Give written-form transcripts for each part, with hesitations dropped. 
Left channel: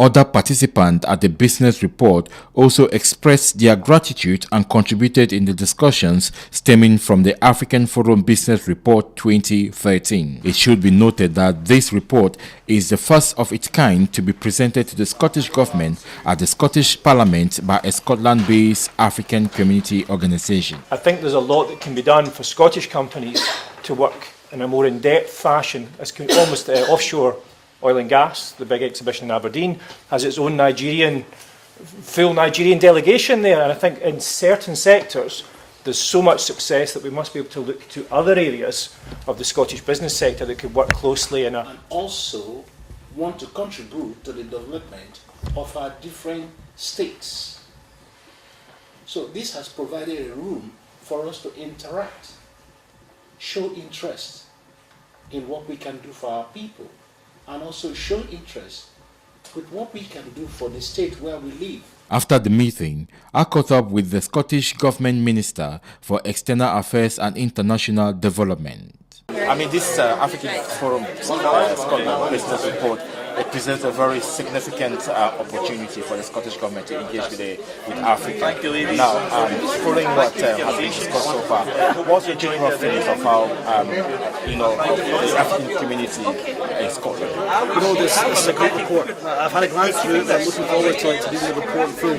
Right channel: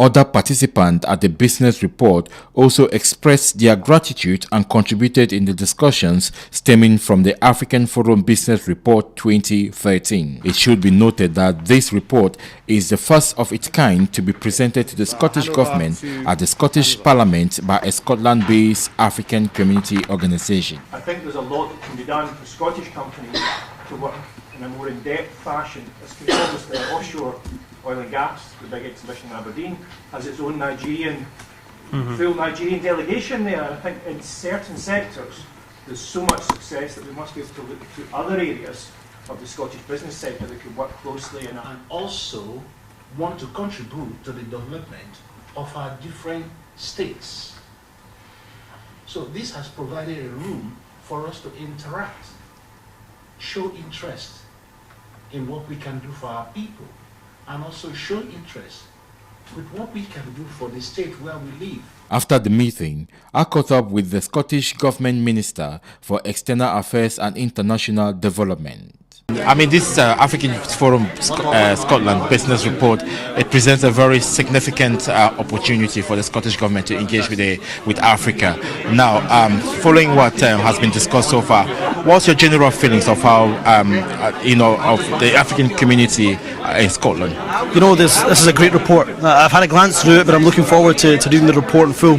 Other participants at the business report also expressed their gratitude and contributed in the discussions stemming from the African Forum Business Report 2013. It should be noted that this report is the first of its kind to be presented to the Scottish Government at the Scottish Parliament by a Scotland-based African community organisation. I think there's a lot that can be done for Scottish companies to work in a more in-depth fashion, as almost offshore oil and gas. The big exhibition in Aberdeen has its own full Nigerian delegation there, and I think in certain sectors there's so much success that we must be able to look to other areas of the Scottish business sector that could work closely and also want to contribute to the development of our different states. So this has provided a room for us to interact, show interest in what we can do for our people, and also show interest with what we can do for the state where we live. After the meeting, I caught up with the Scottish Government Minister for External Affairs and International Development. I mean, this African Forum Scotland Business Report, it presents a very significant opportunity for the Scottish Government to engage with Africa. Now, following what has been discussed so far, what's your general feelings of how, of the African community in Scotland? You know, this is a great report. I've had a glance through it, but I'm looking forward to reading the report in full.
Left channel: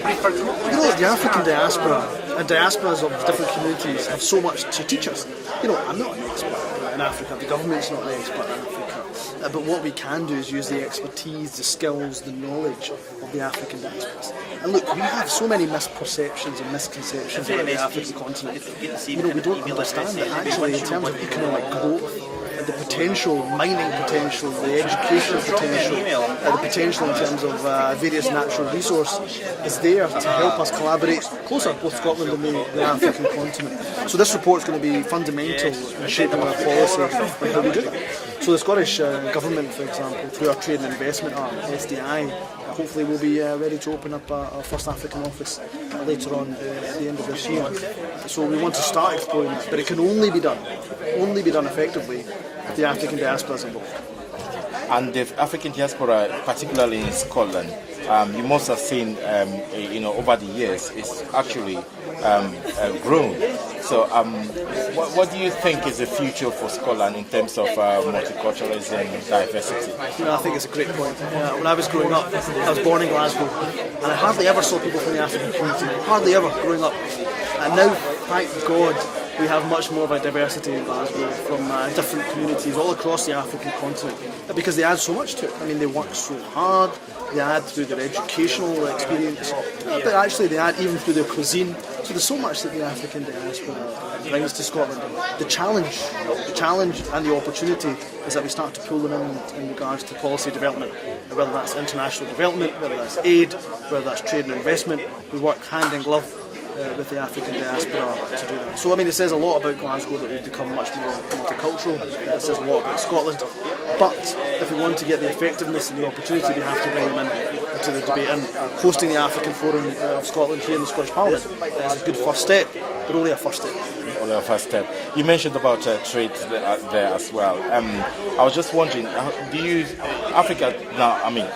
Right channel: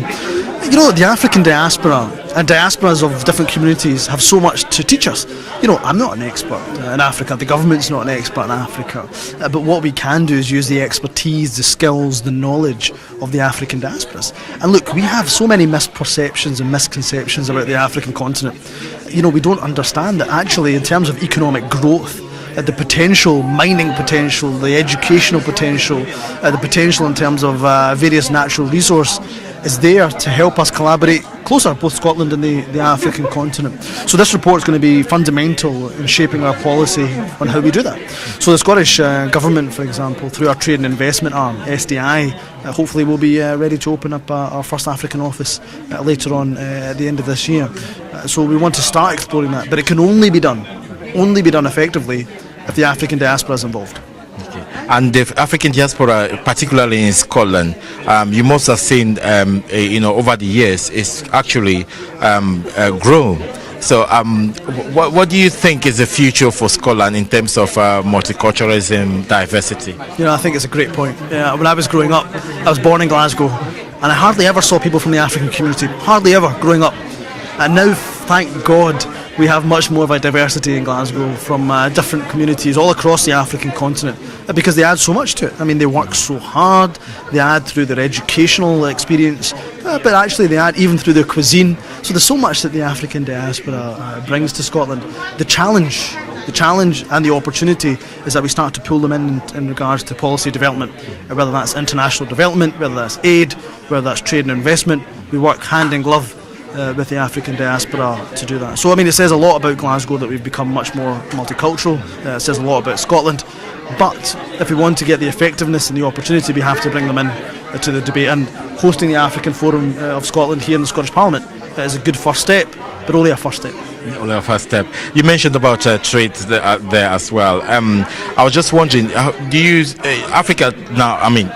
You know, the African diaspora and diasporas of different communities have so much to teach us. You know, I'm not an expert in Africa, the government's not an expert in Africa, but what we can do is use the expertise, the skills, the knowledge of the African diasporas. And look, we have so many misperceptions and misconceptions about the African continent. You know, we don't understand that actually in terms of economic growth, the potential, mining potential, the educational potential, the potential in terms of various natural resource is there to help us collaborate closer, both Scotland and the African continent. So this report is going to be fundamental in shaping our policy on how we do that. So the Scottish Government, for example, through our trade and investment arm, SDI, hopefully we'll be ready to open up our first African office later on at the end of this year. So we want to start exploring that, but it can only be done effectively if the African diaspora is involved. And the African diaspora, particularly in Scotland, you must have seen, over the years, it's actually grown. So, what do you think is the future for Scotland in terms of multiculturalism, diversity? You know, I think it's a great point. When I was growing up, I was born in Glasgow, and I hardly ever saw people from the African community, hardly ever growing up. And now, thank God, we have much more of a diversity in Glasgow from different communities all across the African continent, because they add so much to it. I mean, they work so hard, they add through their educational experience, but actually they add even through their cuisine. So there's so much that the African diaspora brings to Scotland. The challenge and the opportunity is that we start to pull them in regards to policy development, whether that's international development, whether that's aid, whether that's trade and investment. We work hand in glove with the African diaspora to do that. So I mean, it says a lot about Glasgow that we've become much more multicultural. It says a lot about Scotland, but if we want to get the effectiveness and the opportunity, we have to bring them in to the debate, and hosting the African Forum of Scotland here in the Scottish Parliament is a good first step, but only a first step. Only a first step. You mentioned about trade there as well. I was just wondering, do you Africa now? I mean,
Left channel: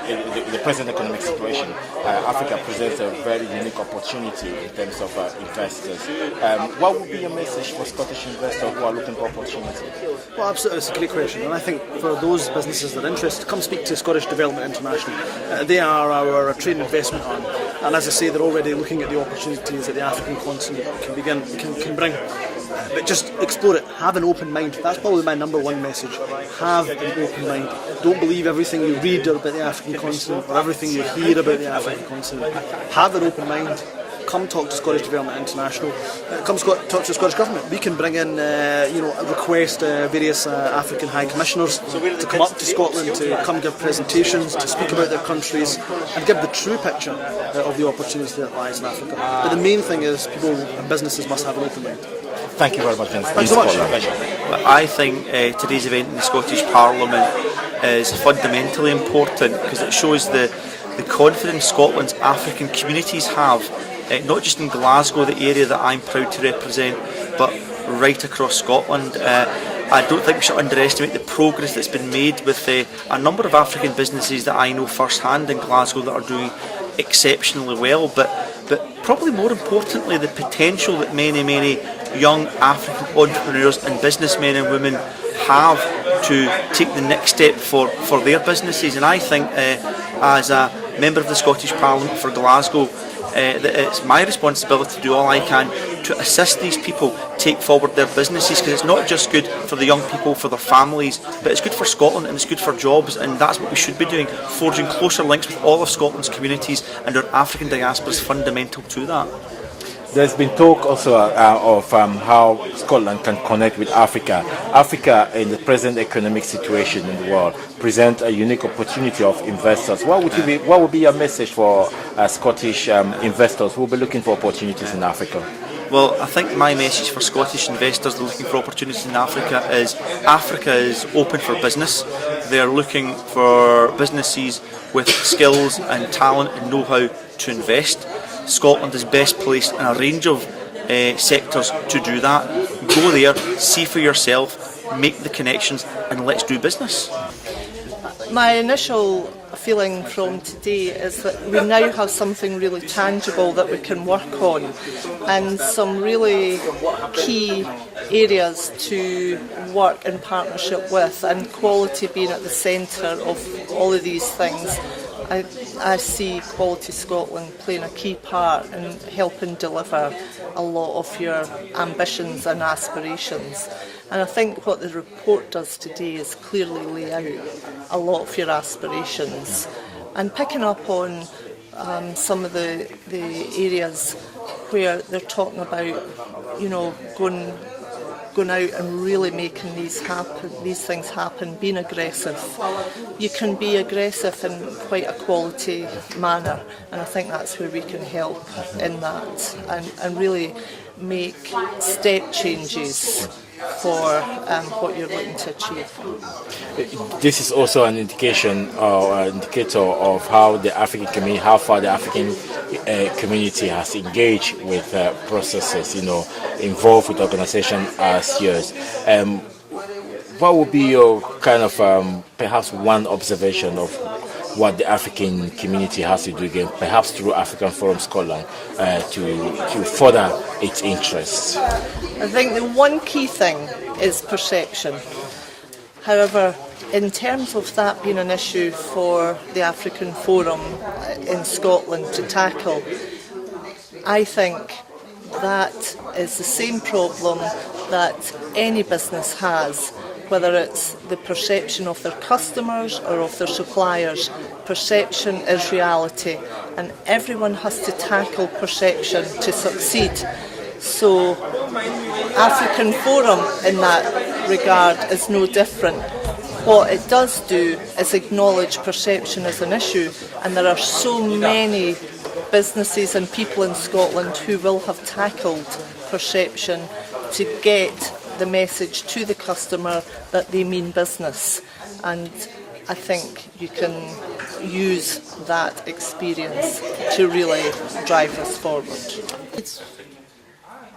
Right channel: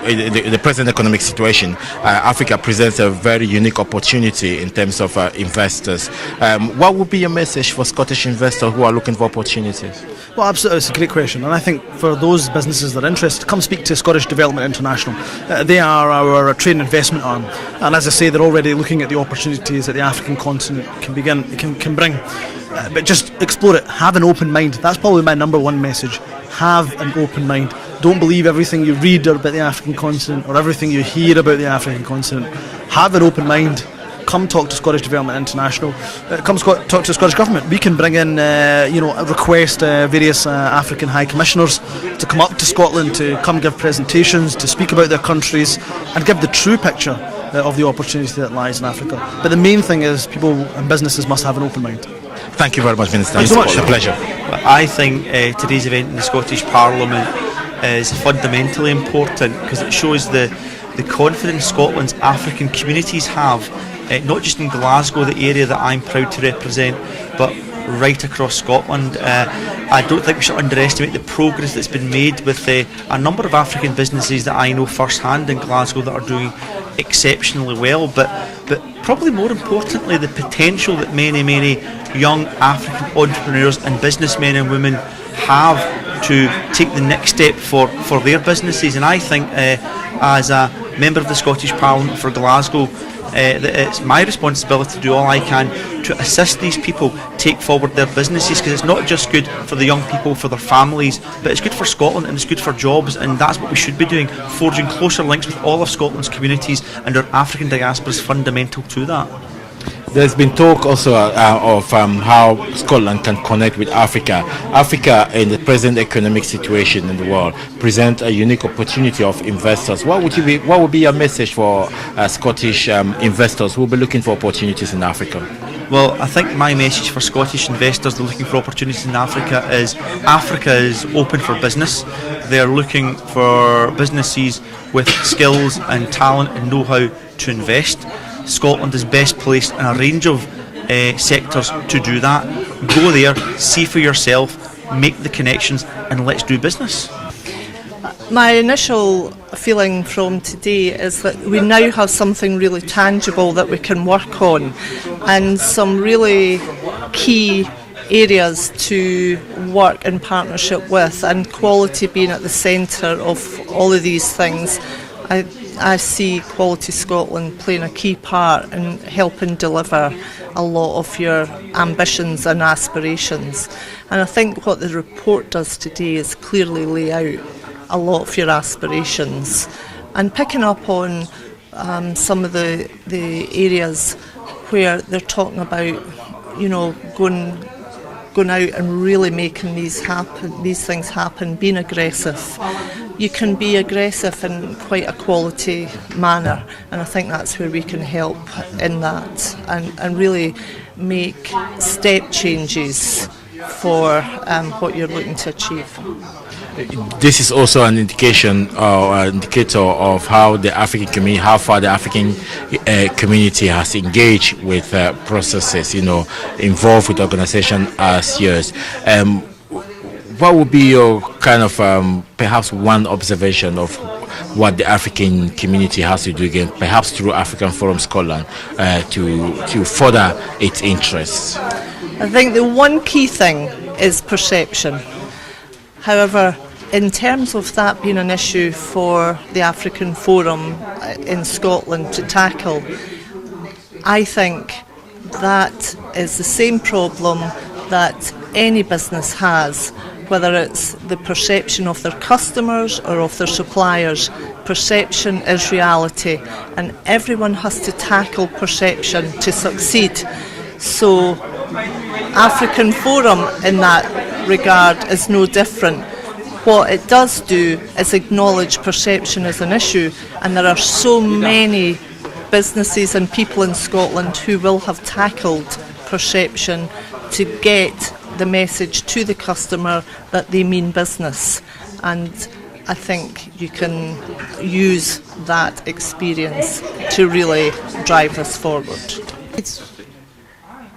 the present economic situation, Africa presents a very unique opportunity in terms of investors. What would be your message for Scottish investors who are looking for opportunities? Well, absolutely, it's a great question, and I think for those businesses that are interested, come speak to Scottish Development International. They are our trade and investment arm, and as I say, they're already looking at the opportunities that the African continent can bring. But just explore it, have an open mind. That's probably my number one message. Have an open mind. Don't believe everything you read about the African continent or everything you hear about the African continent. Have an open mind. Come talk to Scottish Development International. Come talk to the Scottish Government. We can bring in, request various African High Commissioners to come up to Scotland to come give presentations, to speak about their countries and give the true picture of the opportunity that lies in Africa. But the main thing is people and businesses must have an open mind. Thank you very much, Minister. It's a pleasure. I think today's event in the Scottish Parliament is fundamentally important because it shows the confidence Scotland's African communities have, not just in Glasgow, the area that I'm proud to represent, but right across Scotland. I don't think we should underestimate the progress that's been made with a number of African businesses that I know firsthand in Glasgow that are doing exceptionally well, but probably more importantly, the potential that many young African entrepreneurs and businessmen and women have to take the next step for their businesses. And I think as a member of the Scottish Parliament for Glasgow, that it's my responsibility to do all I can to assist these people take forward their businesses, because it's not just good for the young people, for their families, but it's good for Scotland and it's good for jobs, and that's what we should be doing, forging closer links with all of Scotland's communities, and our African diaspora is fundamental to that. There's been talk also of how Scotland can connect with Africa. Africa, in the present economic situation in the world, presents a unique opportunity of investors. What would be your message for Scottish investors who will be looking for opportunities in Africa? Well, I think my message for Scottish investors looking for opportunities in Africa is open for business. They are looking for businesses with skills and talent and know-how to invest. Scotland is best placed in a range of sectors to do that. Go there, see for yourself, make the connections, and let's do business. My initial feeling from today is that we now have something really tangible that we can work on, and some really key areas to work in partnership with, and quality being at the centre of all of these things. I see Quality Scotland playing a key part in helping deliver a lot of your ambitions and aspirations. And I think what the report does today is clearly lay out a lot of your aspirations. And picking up on some of the areas where they're talking about, going out and really making these things happen, being aggressive. You can be aggressive in quite a quality manner, and I think that's where we can help in that, and really make step changes for what you're looking to achieve. This is also an indication or an indicator of how the African community, how far the African community has engaged with processes, involved with organizations as yours. What would be your kind of perhaps one observation of what the African community has to do again, perhaps through African Forum Scotland, to further its interests? I think the one key thing is perception. However, in terms of that being an issue for the African Forum in Scotland to tackle, I think that is the same problem that any business has, whether it's the perception of their customers or of their suppliers. Perception is reality, and everyone has to tackle perception to succeed. So African Forum in that regard is no different. What it does do is acknowledge perception as an issue, and there are so many businesses and people in Scotland who will have tackled perception to get the message to the customer that they mean business. And I think you can use that experience to really drive us forward.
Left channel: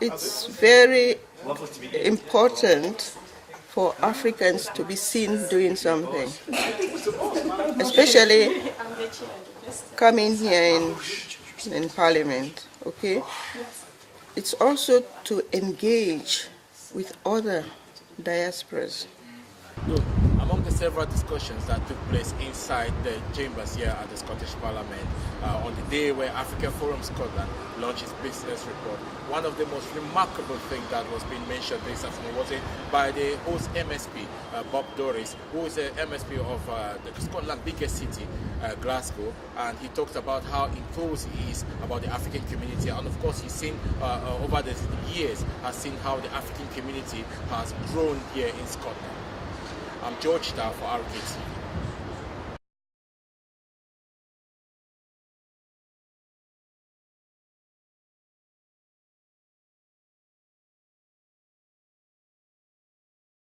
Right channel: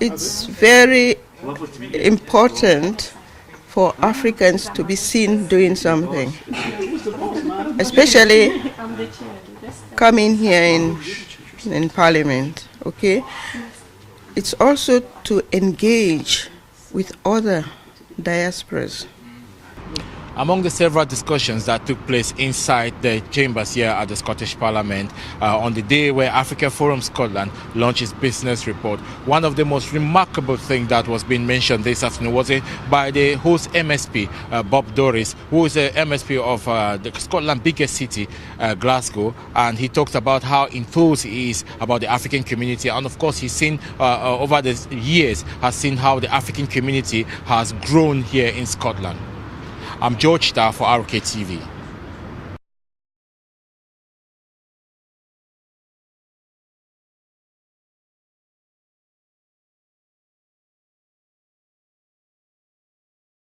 It's very important for Africans to be seen doing something, especially coming here in Parliament, okay? It's also to engage with other diasporas. Among the several discussions that took place inside the chambers here at the Scottish Parliament on the day where African Forum Scotland launched its business report, one of the most remarkable things that was being mentioned this afternoon was by the host MSP, Bob Doris, who is the MSP of the Scotland's biggest city, Glasgow, and he talked about how enthused he is about the African community, and of course he's seen over the years, has seen how the African community has grown here in Scotland. I'm George Starr for RKTV.